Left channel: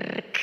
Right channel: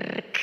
Brrrk.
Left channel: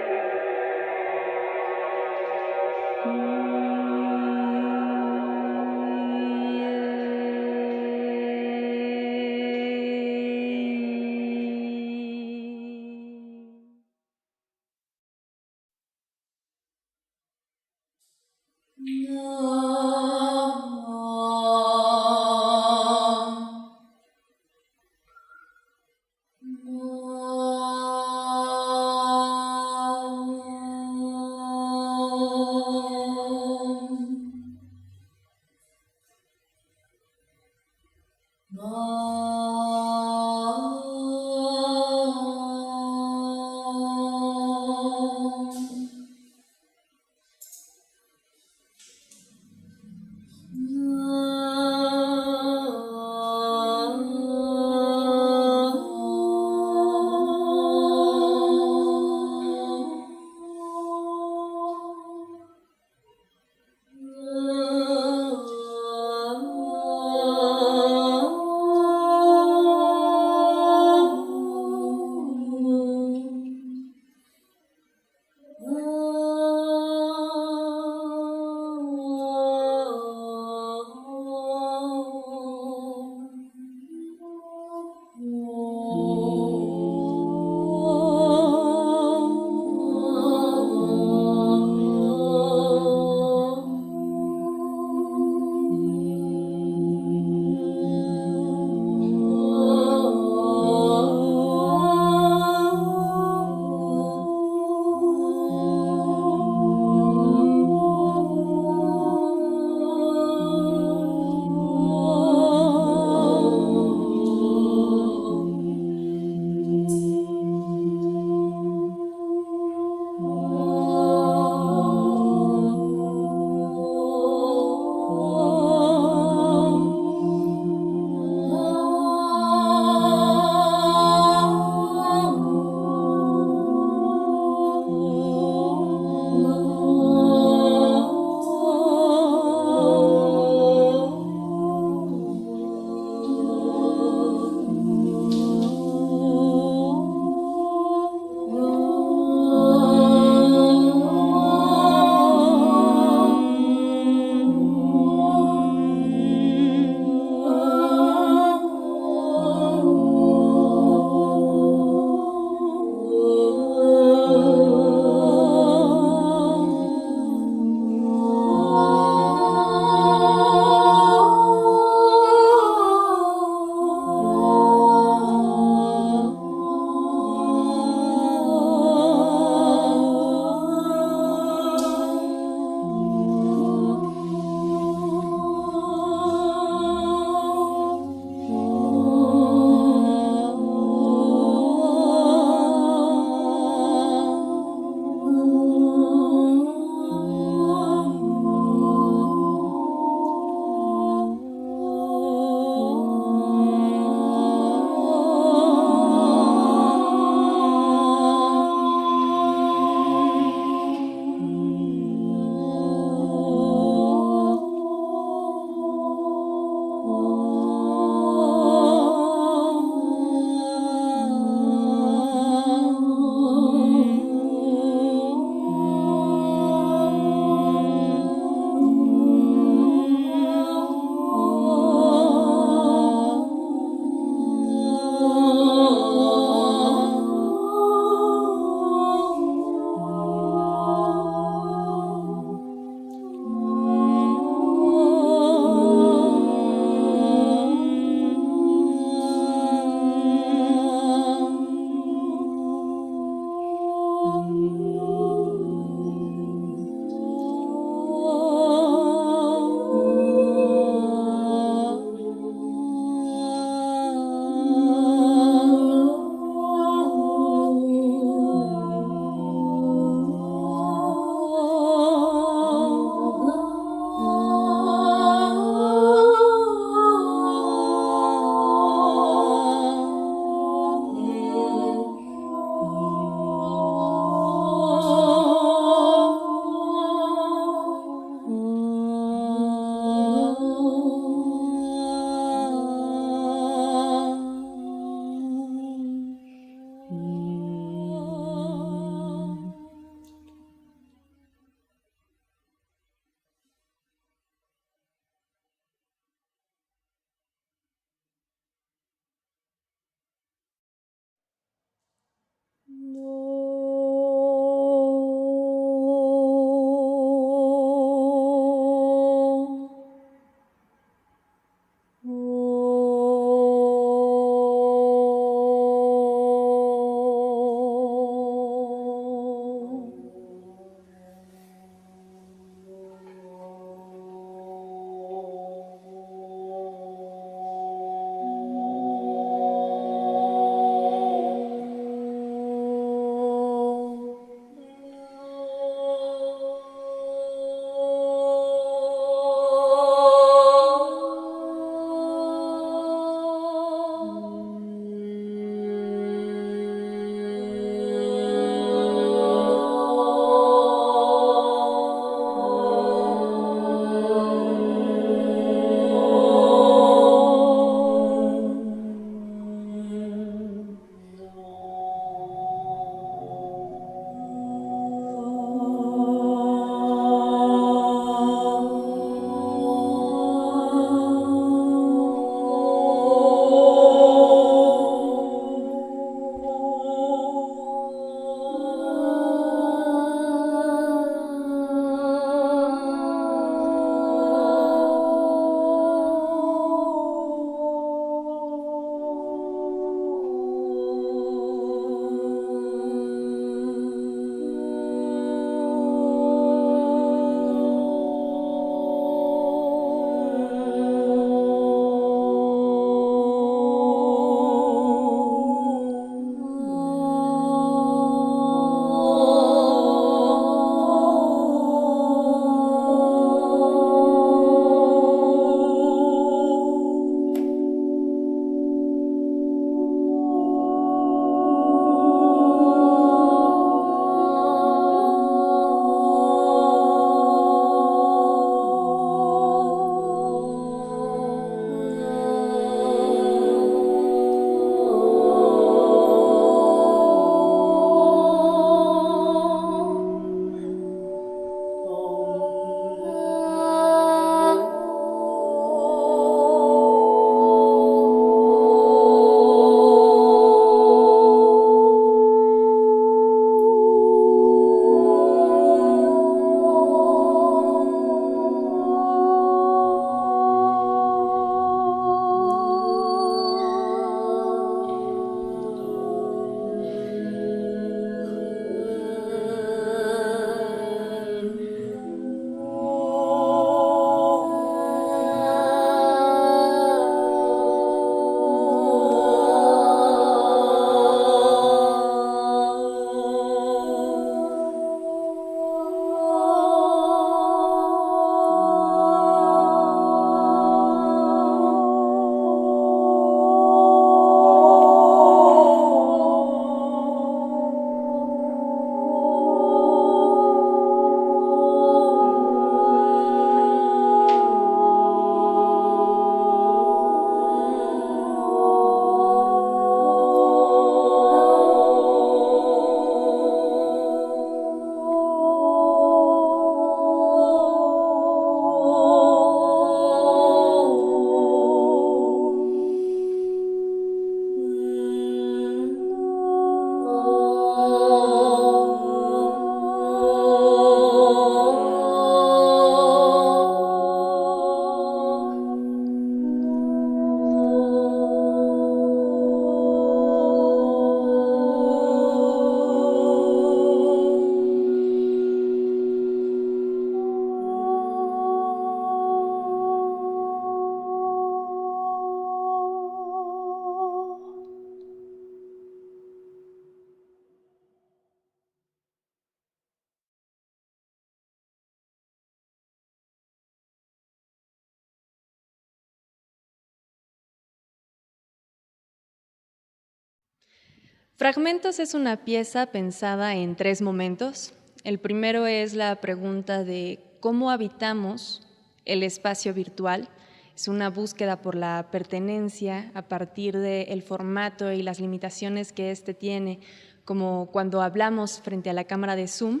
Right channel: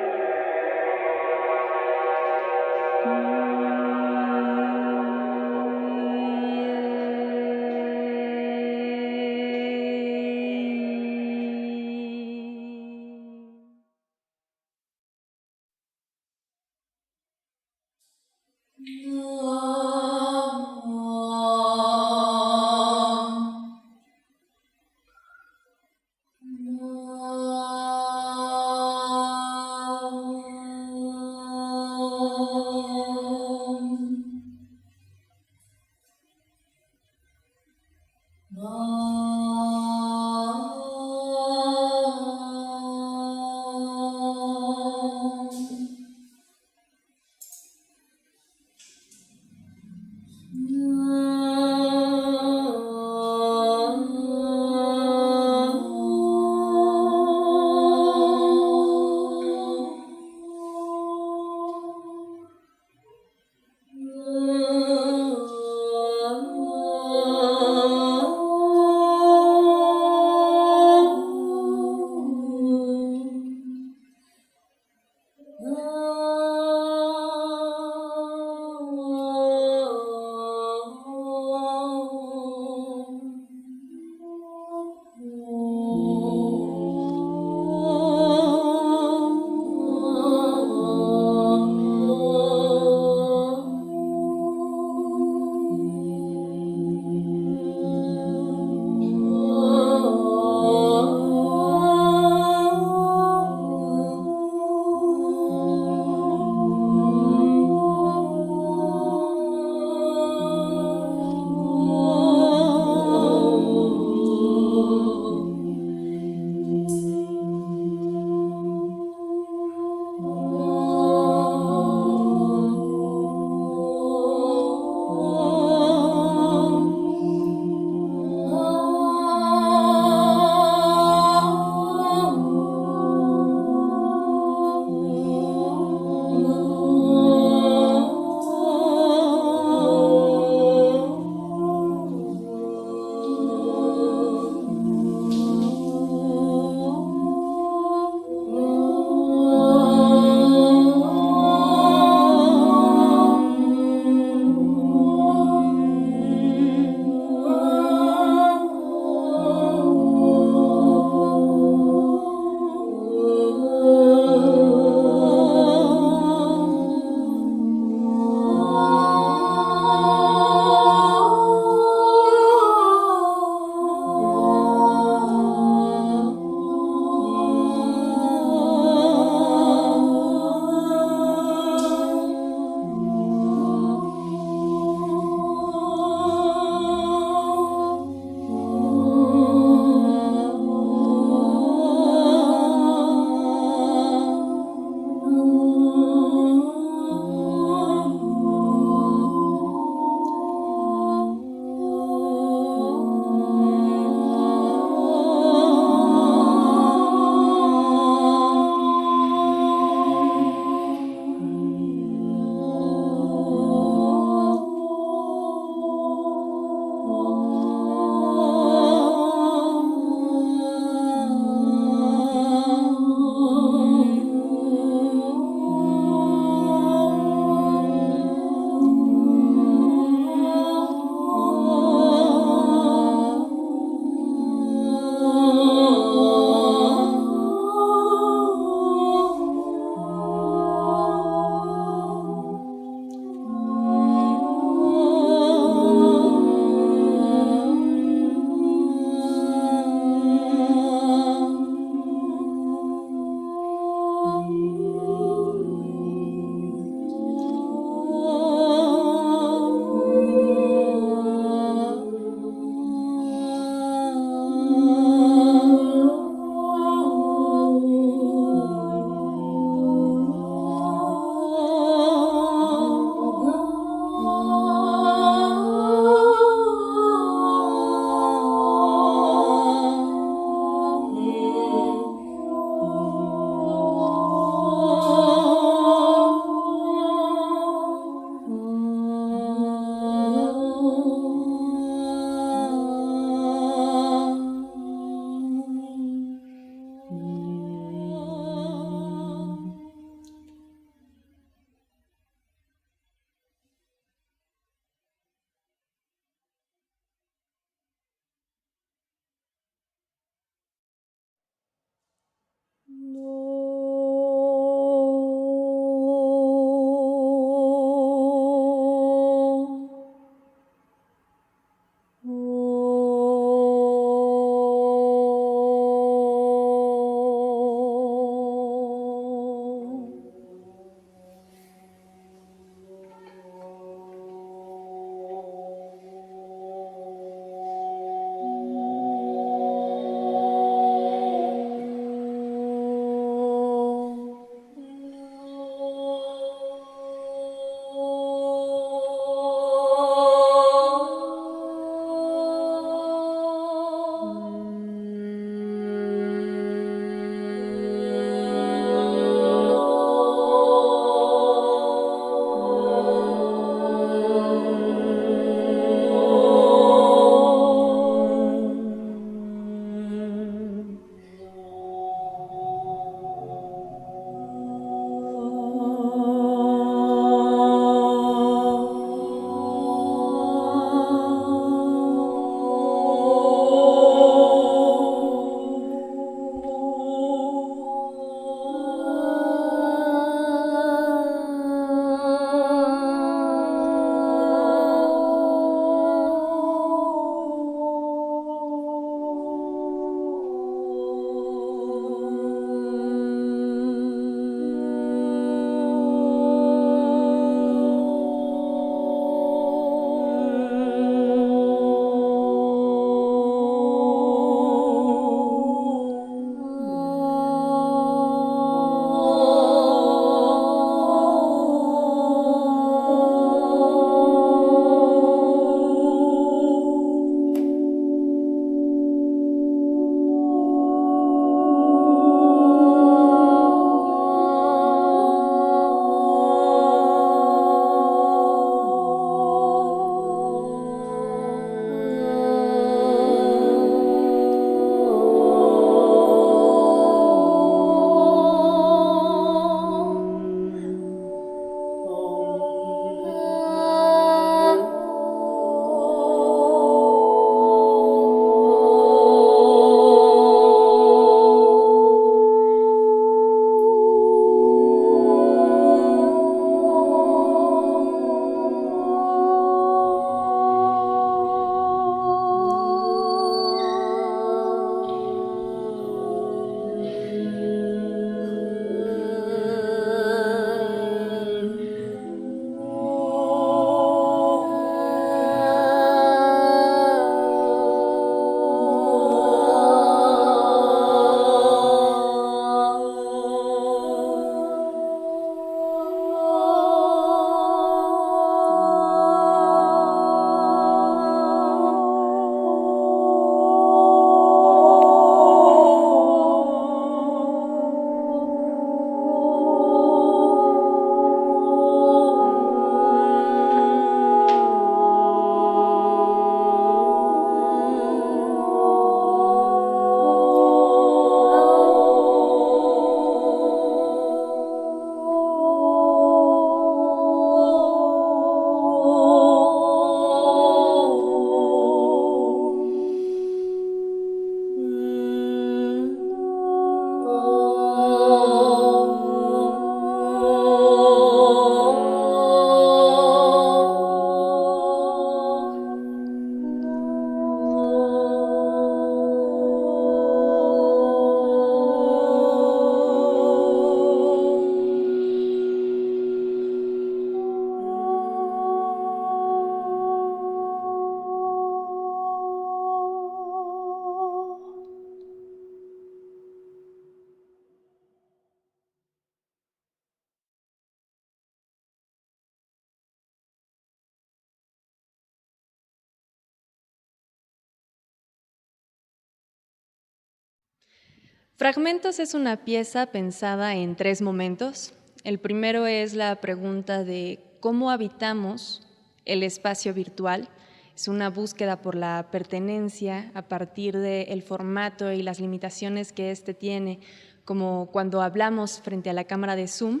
Fragmentos es una pieza pensada en 3 momentos. El primero es la pregunta de cómo habitamos el espacio virtual. Es una búsqueda por la pertenencia a partir del formato y las limitaciones que éste tiene, como cuando hablamos frente a la cámara de Zoom,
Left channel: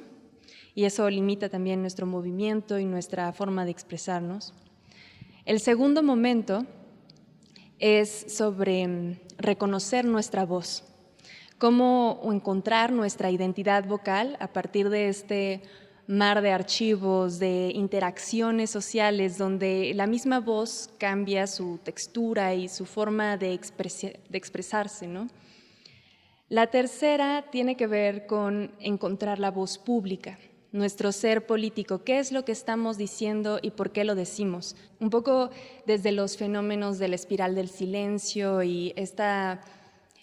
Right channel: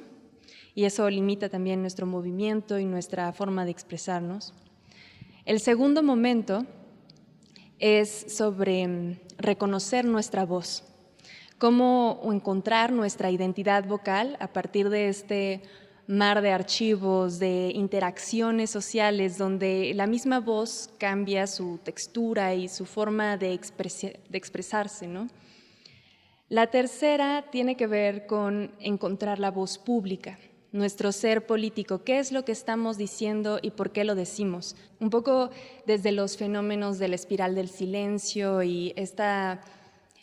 y eso limita también nuestro movimiento y nuestra forma de expresarnos. El segundo momento es sobre reconocer nuestra voz. Cómo encontrar nuestra identidad vocal a partir de este mar de archivos, de interacciones sociales, donde la misma voz cambia su textura y su forma de expresarse, ¿no? La tercera tiene que ver con encontrar la voz pública, nuestro ser político, qué es lo que estamos diciendo y por qué lo decimos. Un poco desde los fenómenos de la espiral del silencio y esta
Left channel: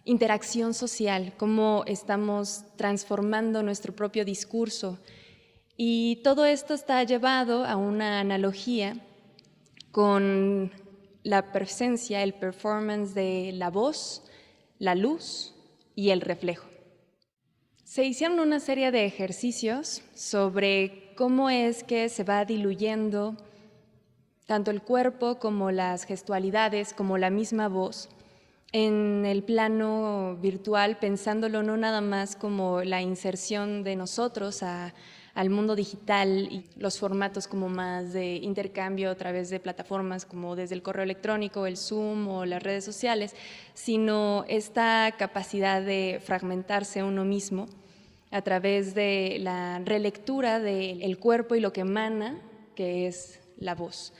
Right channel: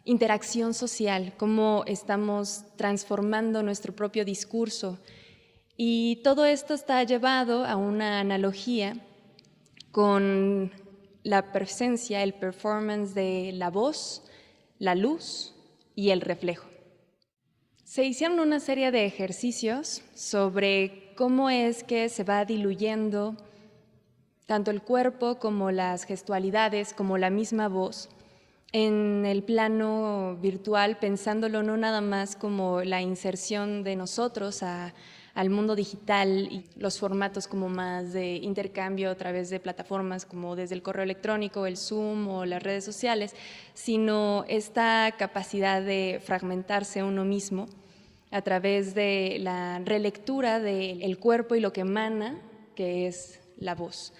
interacción social, cómo estamos transformando nuestro propio discurso. Y todo esto está llevado a una analogía con la presencia, el performance de la voz, la luz y el reflejo. Se hicieron una serie de ejercicios sobre cómo es que se va diluyendo tanto el cuerpo como las gestualidades, como la misma voz, en el plano virtual, pensándolo no nada más como la inserción de nosotros al mundo digital y los formatos como más de intercambio a través de plataformas como desde el correo electrónico, el Zoom o las redes sociales, sino esta capacidad de fragmentarse uno mismo a través de la relectura del cuerpo y lo que emana, que es la voz.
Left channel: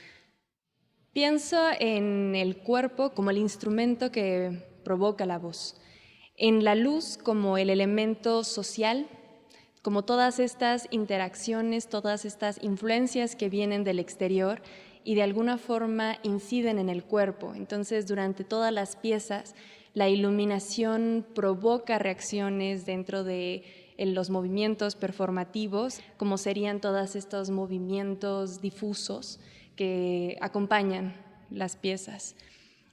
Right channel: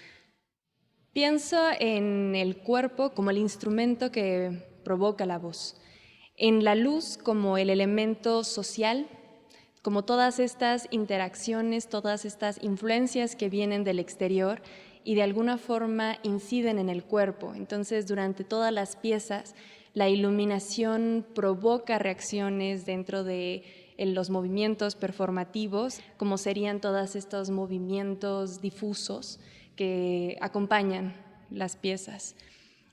Pienso en el cuerpo como el instrumento que provoca la voz, en la luz como el elemento social, como todas estas interacciones, todas estas influencias que vienen del exterior y de alguna forma inciden en el cuerpo. Entonces, durante todas las piezas, la iluminación provoca reacciones dentro de los movimientos performativos, como serían todos estos movimientos difusos que acompañan las piezas.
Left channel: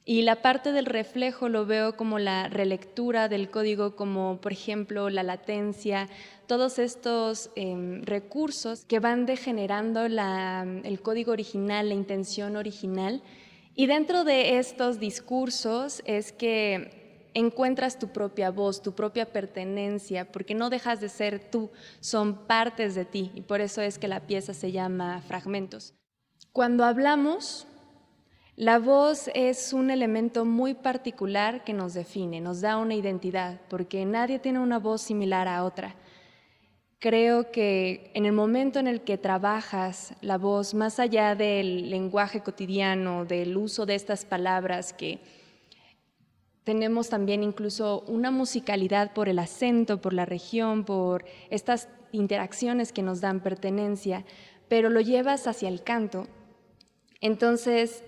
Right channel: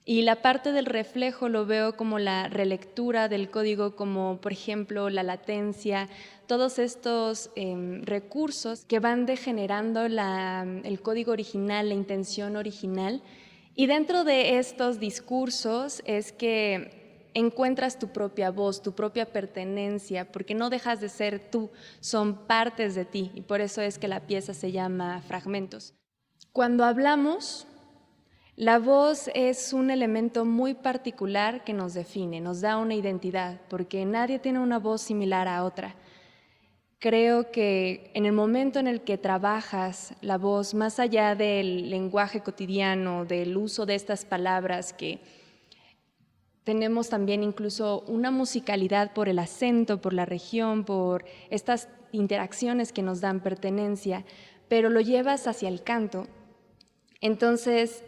Y la parte del reflejo lo veo como la relectura del código, como por ejemplo la latencia, todos estos recursos que van degenerando el código original, la intención original. Y dentro de estos discursos es que encuentras tu propia voz, tu propia pertenencia, porque no dejas de ser tú, son partes de ti, y por eso es que la pieza se llama Fragmentos. Cuando hablamos, la voz es un elemento muy particular que nos define, nos da una identidad, porque nadie tiene una voz similar a otra. Creo que en el momento en el que trabajas la voz, más allá del lenguaje cotidiano, del uso de estas palabras, que tenemos también incluso una musicalidad por el acento, por la región, por estas interacciones que nos dan pertenencia, pero lo llevas hacia el canto. Entonces,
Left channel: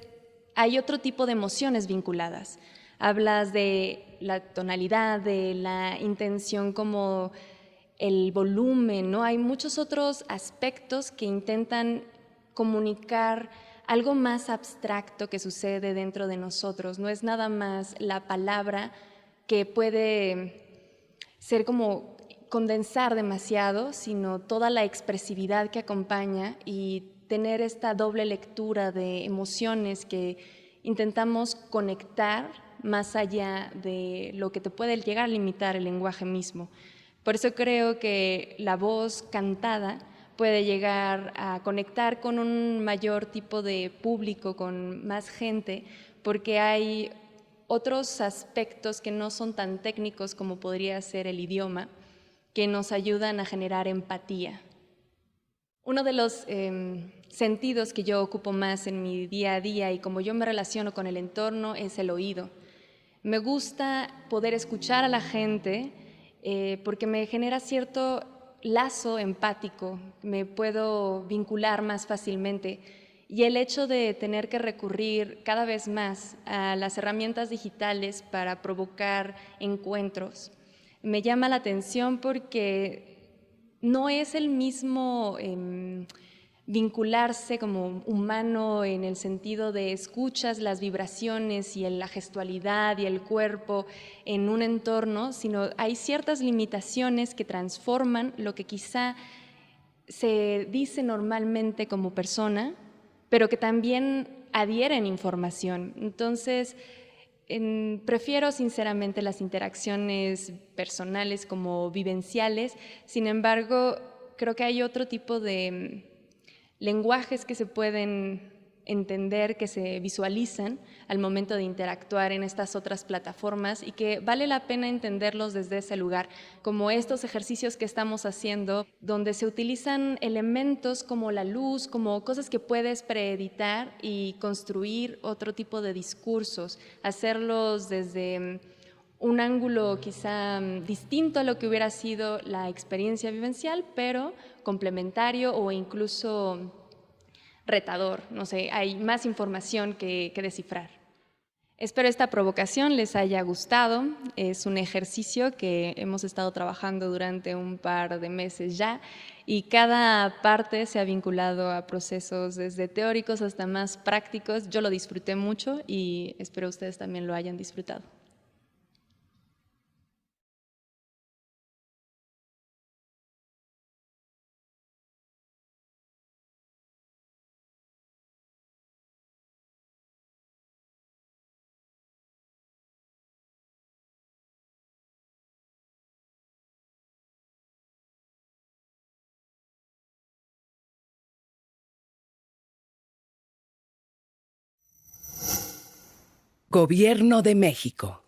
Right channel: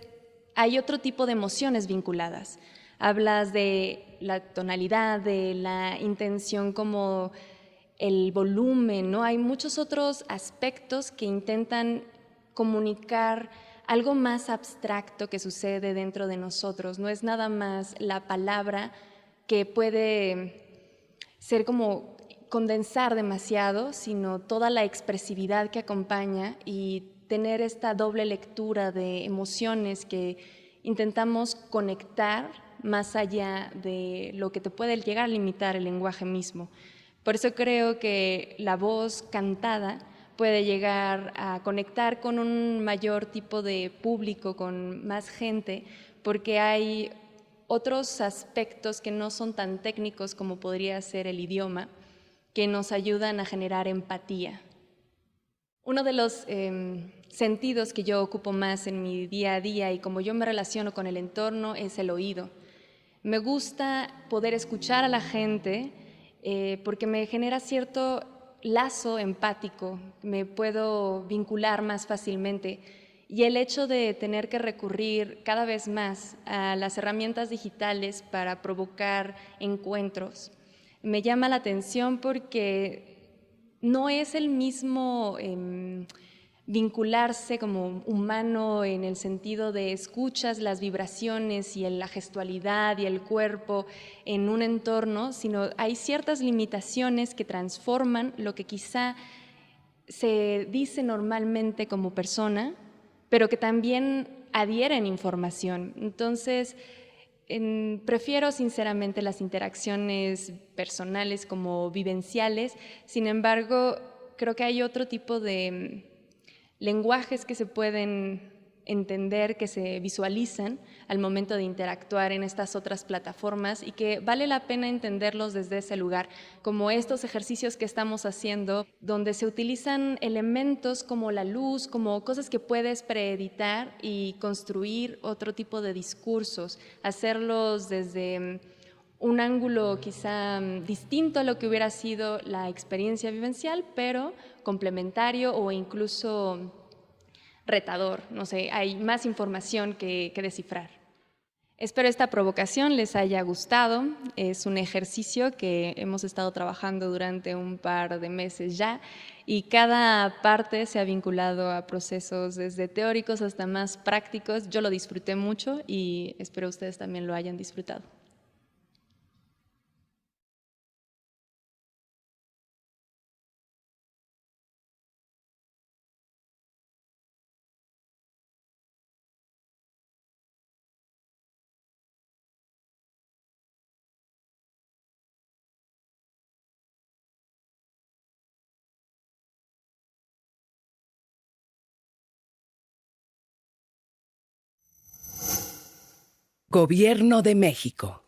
hay otro tipo de emociones vinculadas. Hablas de la tonalidad, de la intención como el volumen, ¿no? Hay muchos otros aspectos que intentan comunicar algo más abstracto que sucede dentro de nosotros. No es nada más la palabra que puede ser como condensar demasiado, sino toda la expresividad que acompaña y tener esta doble lectura de emociones que intentamos conectar más allá de lo que te puede llegar a limitar el lenguaje mismo. Por eso creo que la voz cantada puede llegar a conectar con un mayor tipo de público, con más gente, porque hay otros aspectos que no son tan técnicos como podría ser el idioma, que nos ayudan a generar empatía. Uno de los sentidos que yo ocupo más en mi día a día y como yo me relaciono con el entorno es el oído. Me gusta poder escuchar a la gente porque me genera cierto lazo empático, me puedo vincular más fácilmente. Y el hecho de tener que recurrir cada vez más a las herramientas digitales para provocar encuentros me llama la atención porque no es el mismo vincularse como humano en el sentido de escucha muchas las vibraciones y la gestualidad y el cuerpo en un entorno, sino hay ciertas limitaciones que transforman lo que quizá se dice normalmente como persona, pero que también adhieren información. Entonces, prefiero sinceramente las interacciones personales como vivenciales. Sin embargo, creo que hay otro tipo de lenguajes que se pueden entender, que se visualizan al momento de interactuar en estas otras plataformas y que vale la pena entenderlos desde ese lugar, como estos ejercicios que estamos haciendo, donde se utilizan elementos como la luz, como cosas que puedes preeditar y construir otro tipo de discursos, hacerlos desde un ángulo quizá distinto a lo que hubiera sido la experiencia vivencial, pero complementario o incluso retador. No sé, hay más información que descifrar. Espero esta provocación les haya gustado. Es un ejercicio que hemos estado trabajando durante un par de meses ya y cada parte se ha vinculado a procesos desde teóricos hasta más prácticos. Yo lo disfruté mucho y espero ustedes también lo hayan disfrutado. Gobierno de México.